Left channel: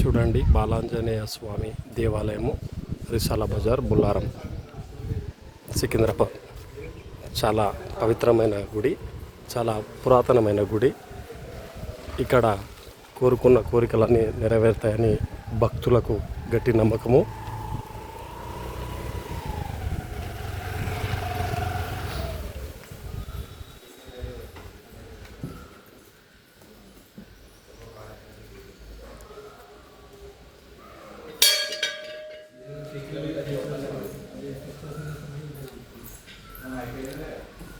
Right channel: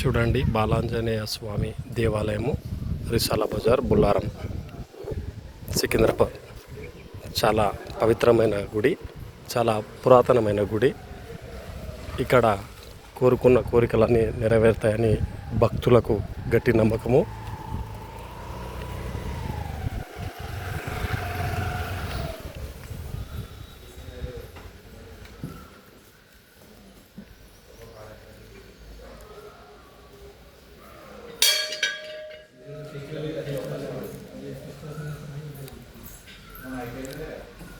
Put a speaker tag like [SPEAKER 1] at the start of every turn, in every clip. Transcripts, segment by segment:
[SPEAKER 1] చూడండి బాలాంజనేయ స్వామి దేవాలయము రిసాల బజార్ బుల్లారం సికింద్రాబాద్. చాలా పవిత్రమైన గుడి చాలా పురాతనమైన గుడి. ఇక్కడ కోరుకున్న కోరికలన్నీ నెరవేరుతాయని భక్తులకు గట్టి నమ్మకము.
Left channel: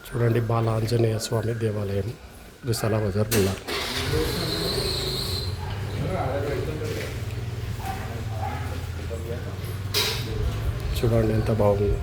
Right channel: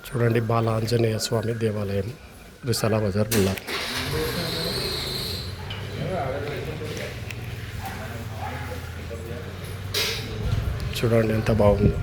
[SPEAKER 1] చూడండి బాల ఆంజనేయ స్వామి దేవాలయం రిసాల బజార్ బుల్లారం చూడండి ఎంత బాగుందో.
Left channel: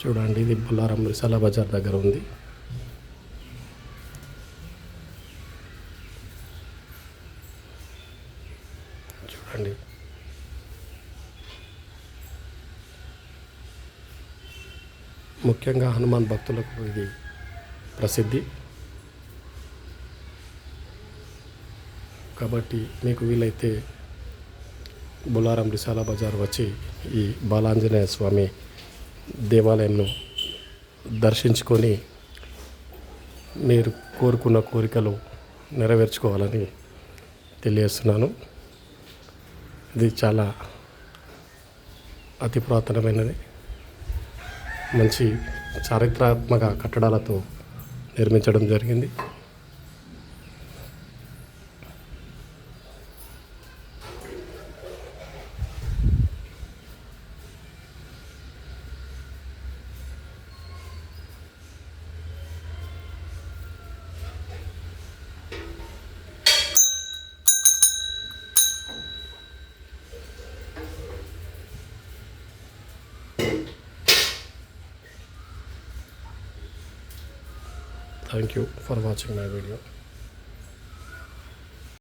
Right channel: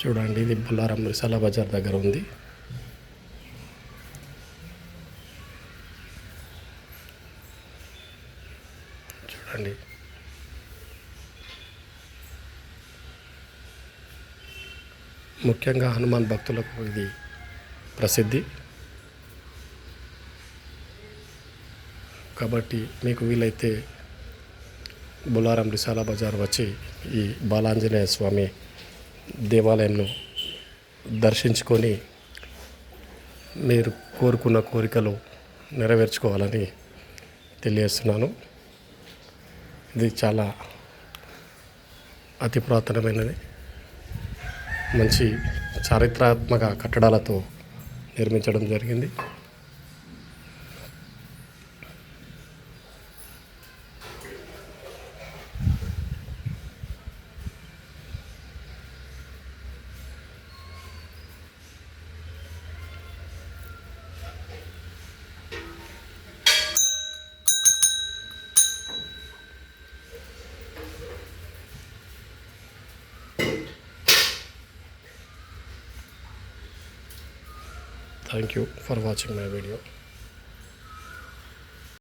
[SPEAKER 1] చూడండి ఇది బుల్లారం రిసాల బజార్ దగ్గర ఉంది. చూడండి. ముఖ్యంగా హనుమాన్ భక్తులకు ఇది ప్రసిద్ధి. కాబట్టి మీకు వీలైతే బులారం రిసాల బజార్ వచ్చి ఈ బాలాంజనేయ స్వామి దేవాలయంను దర్శించుకొని మీరు కోరుకున్న కోరికలు నెరవేర్చుకోవాలని తెలియజేస్తున్నాను. ఇది చాలా అతి పురాతనమైనది. మంచి చారిత్రాత్మక కట్టడాలతో నిర్మించడం జరిగింది. Thank you for watching my video